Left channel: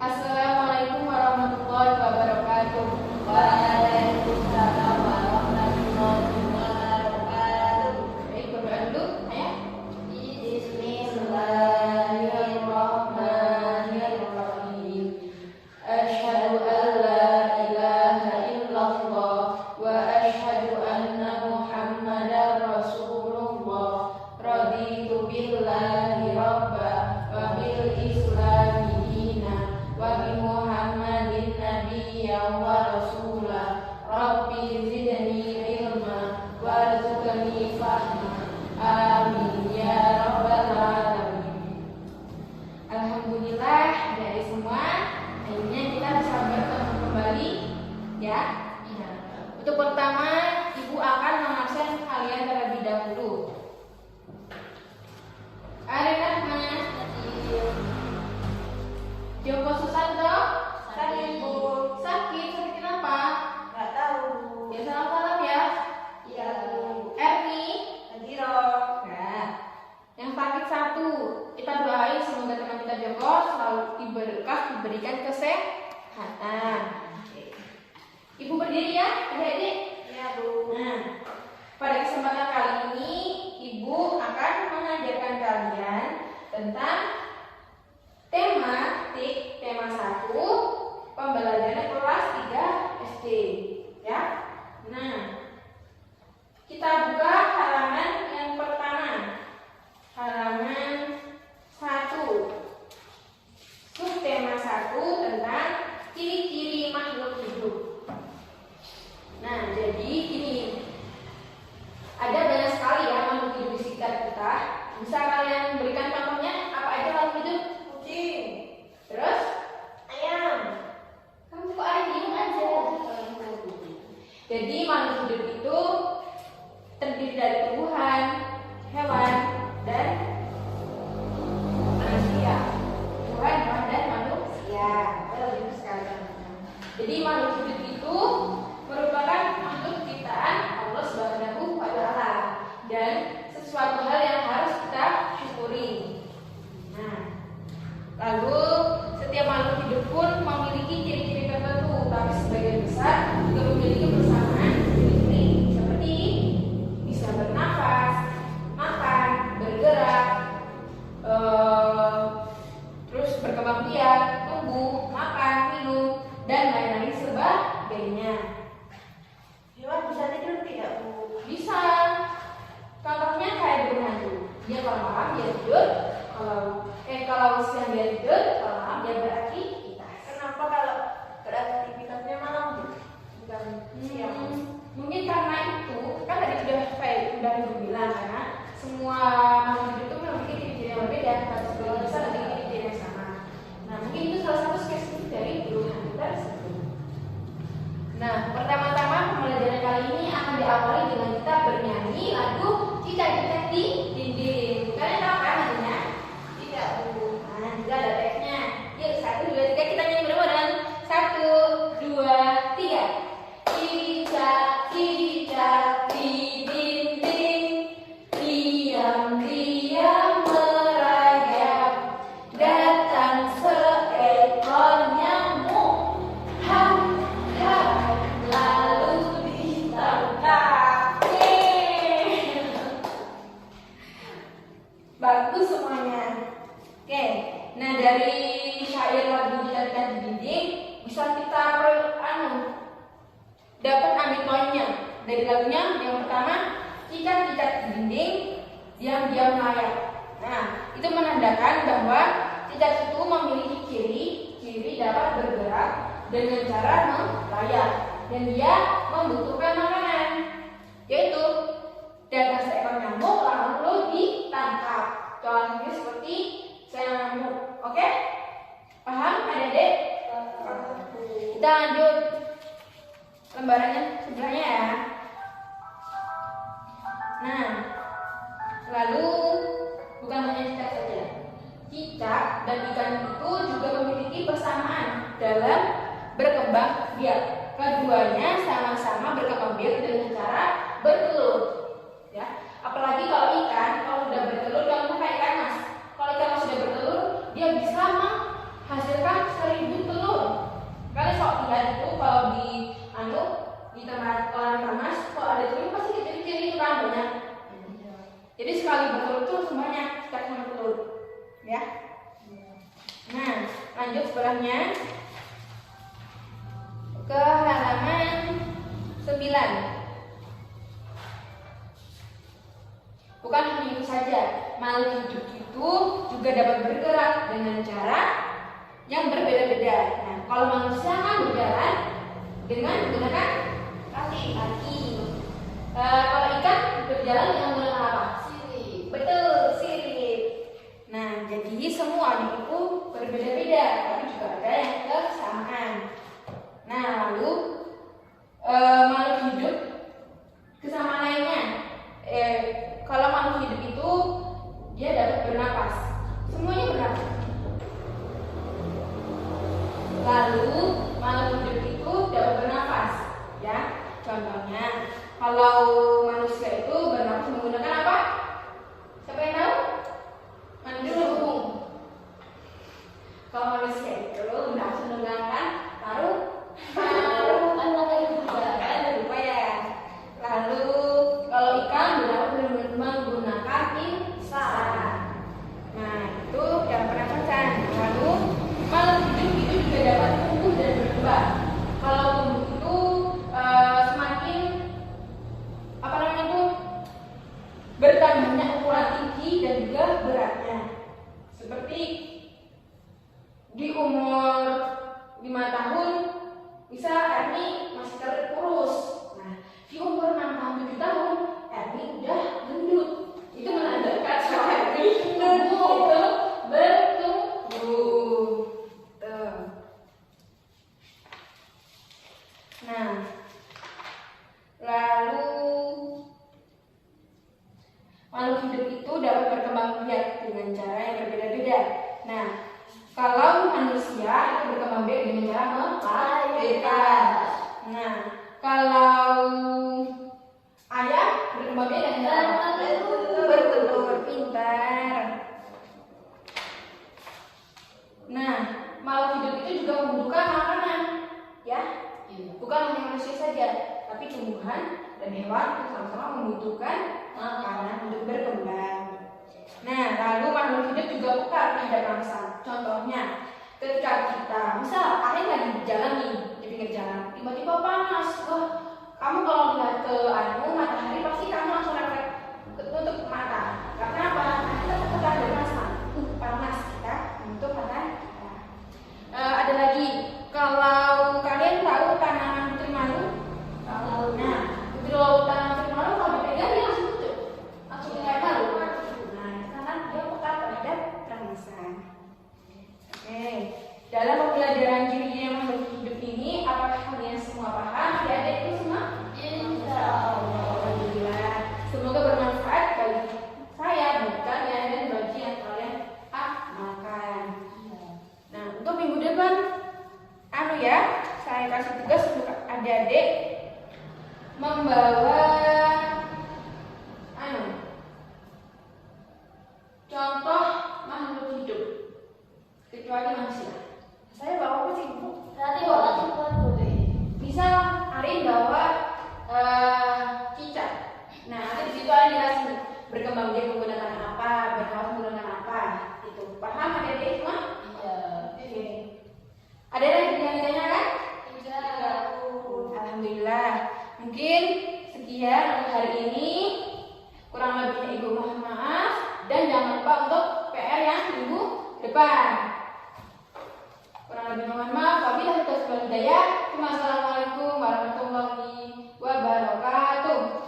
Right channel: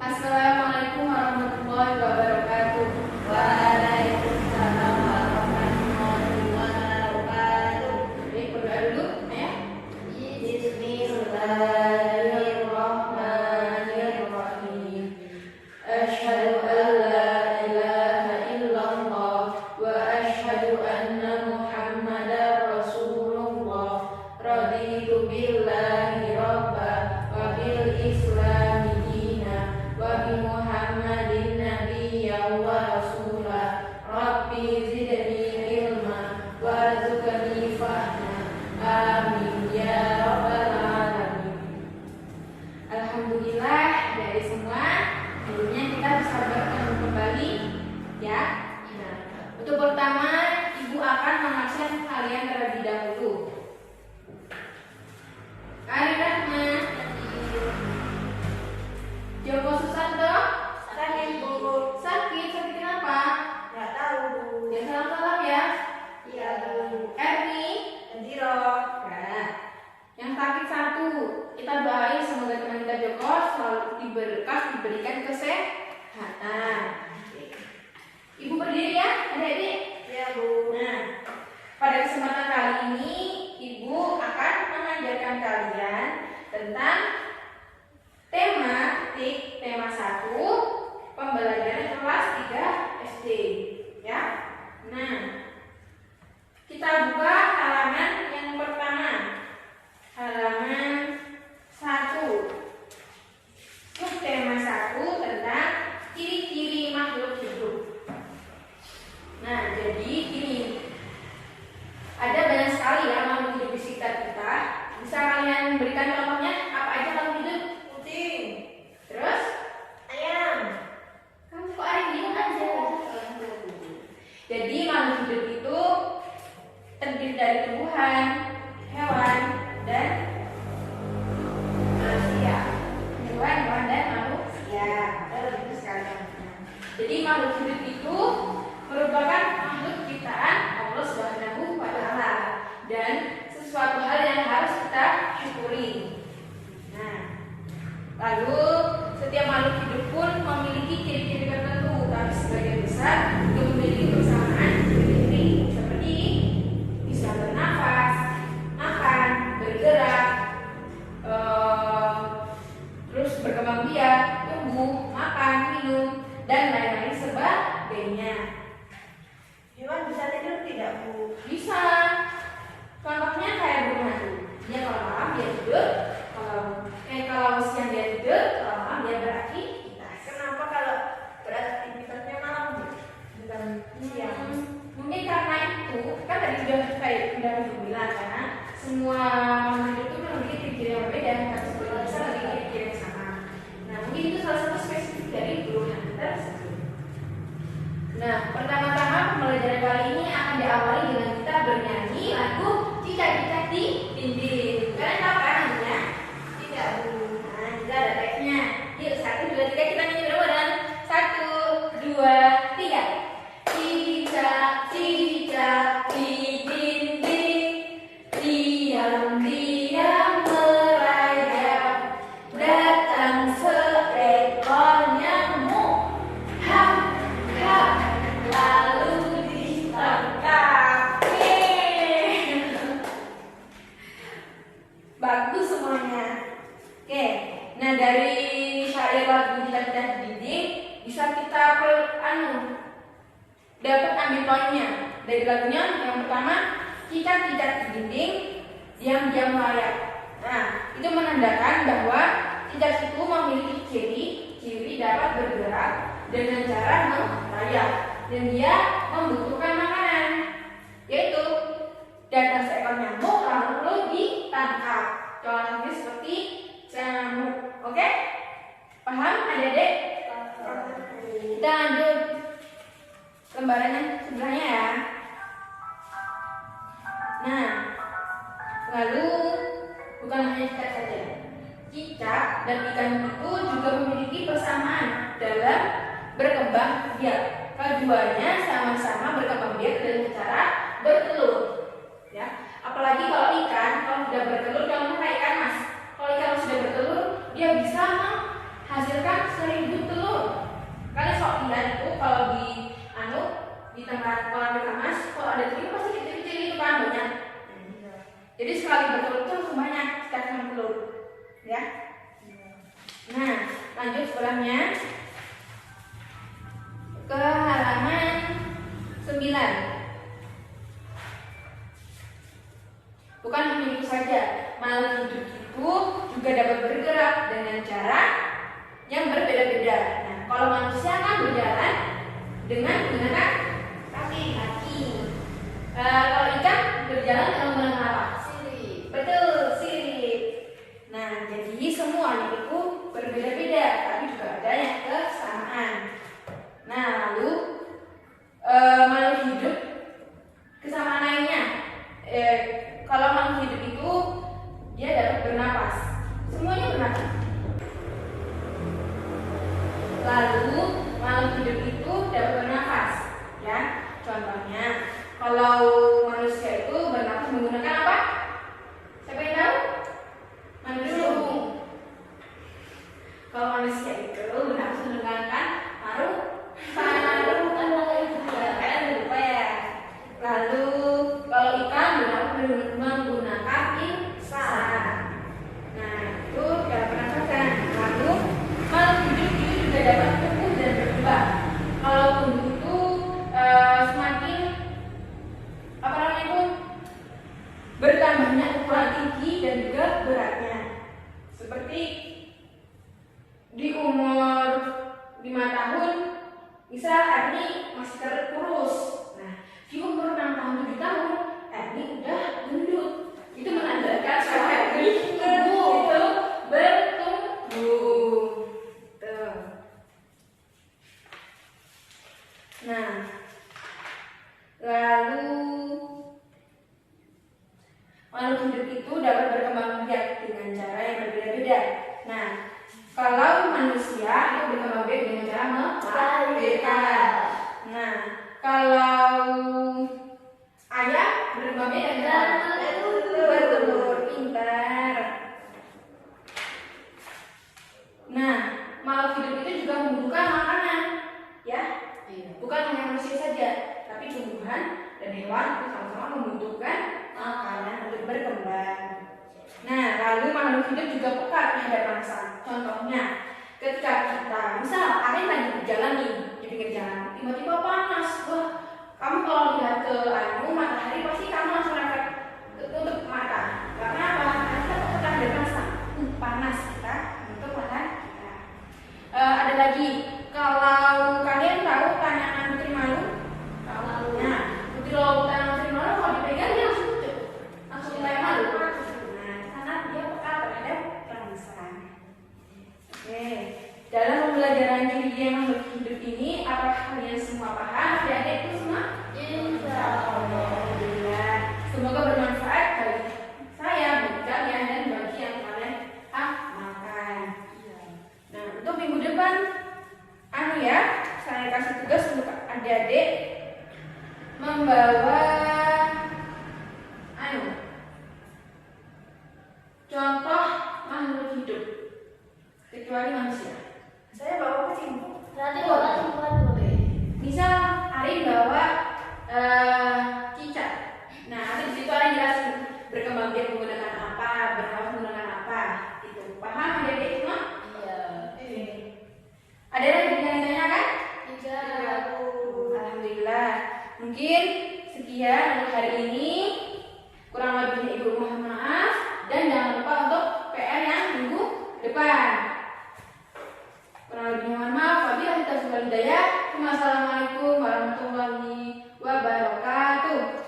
Assalamualaikum warahmatullahi wabarakatuh. Waalaikumsalam warahmatullahi wabarakatuh. Baik, berdoa dulu, ayah. Bismillahirrahmanirrahim. Asyhadu an la ilaha illallah wa asyhadu anna Muhammadar Rasulullah. Raditu billahi rabba wa bil islami dina wa bi Muhammadin nabiyyan wa rasula. Rabbi zidni ilma warzuqni fahma. Amin ya rabbal alamin. Alhamdulillah dari semua akhirnya kita bisa bertemu kembali ya. Untuk pertama, Ibu akan mengabsen kalian terlebih dahulu. Arif Rahman, Joko Susanto, Sakit, Bu. sakit kenapa? Nggak tahu. Ya salam ya. Iya, Bu. Erni, Sendiro. nah, yang sakit satu, kita doain semoga teman kita Joko selalu diberikan kesehatan. Ibu berdiri ya, adik-adik. Iya, Bu. Nah, pada kesempatan kali ini Ibu akan mengajarkan kalian tentang tema 1 pembelajaran kelas 3 SD ya. Nah, kita buka halaman yang pertama. Halaman 1. Subtema 1 tentang ciri-ciri makhluk hidup. Nah, jadi gini. Ada banyak sekali ya makhluk hidup di sekitar kita. Bisa kalian berikan contohnya apa aja makhluk hidup? Kucing. Terus? Ayam. Kamu kok ada diem aja? Jadi makhluk hidup itu terdiri dari tumbuhan, hewan, dan Manusia. tumbuhan, hewan, dan manusia. Iya, betul itu sekali. Jadi makhluk hidup itu merupakan makhluk ciptaan Allah Subhanahu wa Ta'ala dan sesuatu hal yang harus kita syukuri. Nah, lalu setiap makhluk hidup pun memiliki ciri-ciri tertentu, tapi sebagian besar juga memiliki persamaan ciri-ciri seperti bisa bernafas, makan, bergerak, terus berkembang biak, tumbuh, makan, minum, dan lain-lain sebagainya. Hewan bisa tidur tidak, Bu? Bisa, contohnya kayak burung hantu. Dia kalau malam dia tidur, kalau siang dia tidur, kalau malam dia beraktivitas. Kenapa kalau beraktivitasnya malam, Bu? Bukan siang? Mungkin karena itu kan tadi udah bilang karena semua makhluk hidup itu memiliki ciri-ciri yang berbeda, tapi sebagian besar memiliki ciri-ciri yang sama. Nah, mungkin itu salah satu spesifik dari burung hantu tersebut. Nah, pertama-tama pembelajaran kali ini akan diawali dengan kita bernyanyi lagu Cicak-cicak di dinding. Kalian tahu kan lagunya? Tidak, Bu. Nah, kita ada teksnya. Yuk, 1, 2, 3 kita nyanyi bareng-bareng. 1, 2, 3. Cicak-cicak di dinding, diam-diam merayap, datang seekor nyamuk. Hap, hap, lalu ditangkap. Yeay. Bagus semuanya. Oke, nah dari syair lagu Cicak-cicak di dinding bisa kita dapat ambil poinnya dari lagunya. Yang pertama, cicak-cicak di dinding diam-diam merayap. Nah, itu menandakan bahwa cicak itu memiliki ciri dapat bergerak dengan cara merayap dan dia membutuhkan makanan, yaitu datang seekor nyamuk lalu ditangkap. Contohnya seperti nyamuk. Oke? Paham adik-adik? Kita lanjut lembarannya sebelahnya ya. Nah, lalu bukan hanya cicak saja. Cicak dan ikan itu juga memiliki persamaan dalam berkembang biak. Keduanya sama-sama berkembang biak dengan cara bertelur. Ya, apalagi kalau ikan kalau sudah bertelur, jangan kayak ikan mas. Kalau ikan sudah bertelur, dia bisa hasilkan 1000 telur. Kalian sok lihat itu kalau di tempat kolam ikan mas, kalau ada telur pasti kecil-kecil itu kan banyak. Jadi sekali bertelur itu langsung banyak sekitar 1 telur, ya. Nah, lanjut sebelahnya ke halaman 9. Bukan hanya itu saja, makhluk hidup itu juga dapat bergerak dengan cara yang berbeda-beda. Nah, kalau manusia kan berjalan dengan menggunakan kaki. Kalau ikan berjalan dengan menggunakan apa? Sirip. Betul, sirip. Nah, jadi semuanya itu berbeda-beda, tapi juga ada yang kesamaan. Nah, lalu makhluk hidup kesamaan lainnya. Kalau makhluk hidup itu dia dapat bernapas. Semuanya bernapas. Lalu makhluk hidup itu dapat bernapas, ya. Contohnya, kalau manusia itu bernapas menggunakan apa? Siapa yang tahu? Mendung. Kalau manusia itu bernapas menggunakan paru-paru. Kalian lupa ya. Lalu kalau ikan bernapas menggunakan insang. Nah, itu dalam pernapasan. Lalu makhluk hidup itu juga dapat tumbuh dan berkembang. Kalau tumbuh itu semakin bertambahnya ukuran tinggi dan juga beratnya. Seperti di umur 5 tahun bisa Erni masih kurus. Nah, di umur 6 tahun 7 tahun Erni udah gendut. Itu menandakan bahwa Erni itu bertumbuh. Nah, lalu makhluk hidup itu dapat berkembang biak dengan cara yang berbeda-beda. Nah, kalau manusia itu berkembang biak dengan cara melahirkan. Nah, kalau ayam berkembang biak dengan cara bertelur. Pintar. Nah, makhluk hidup itu juga membutuhkan makanan, ya. Bukan hanya manusia saja, tapi tumbuhan dan hewan sama-sama membutuhkan makanan untuk berkembang. Nah, lalu makhluk hidup juga peka terhadap panas. Contohnya, ketika kita, misal ada yang lagi berjalan nih di pinggir jalan, tiba-tiba panas. Wah, kamu kalau lihat ke matahari pasti kamu langsung refleks untuk mata. Karena apa? Karena kita peka terhadap panas kita untuk panas kita. Ada lagi, kalau kalian tahu tanaman putri malu, nah, putri lautan putri malu kalau dipegang dia langsung pucuk, langsung mulai malu. Nah, karena dia peka terhadap rangsan. Oke, dalam pembelajaran ciri-ciri makhluk hidup ini, apakah kalian semua paham? Adik-adik itu semua? Alhamdulillah. Semoga bermanfaat bagi saya, bagi kalian, dan bagi yang kalian amalkan. Nah, untuk minggu depan, saya kasih tugas untuk adik-adik membawa contoh makhluk hidup kecuali manusia. Saya bawa kucing, Bu. Nanti bawa tempat boleh. Bisa Ari bawa cicak. Nah, nanti di situ Ari jelasin berkembang biak menggunakan apa, bernapas menggunakan apa. Itu paham adik-adik semua? Iya. Ada lagi yang ditanyakan? Tidak. Alhamdulillah. Mungkin sekian untuk hari ini. Kurang lebihnya Ibu mohon maaf, dan jangan lupa untuk PR yang minggu depan. Kurang lebih mohon maaf. Wabillahi taufiq wal hidayah. Wassalamualaikum warahmatullahi wabarakatuh.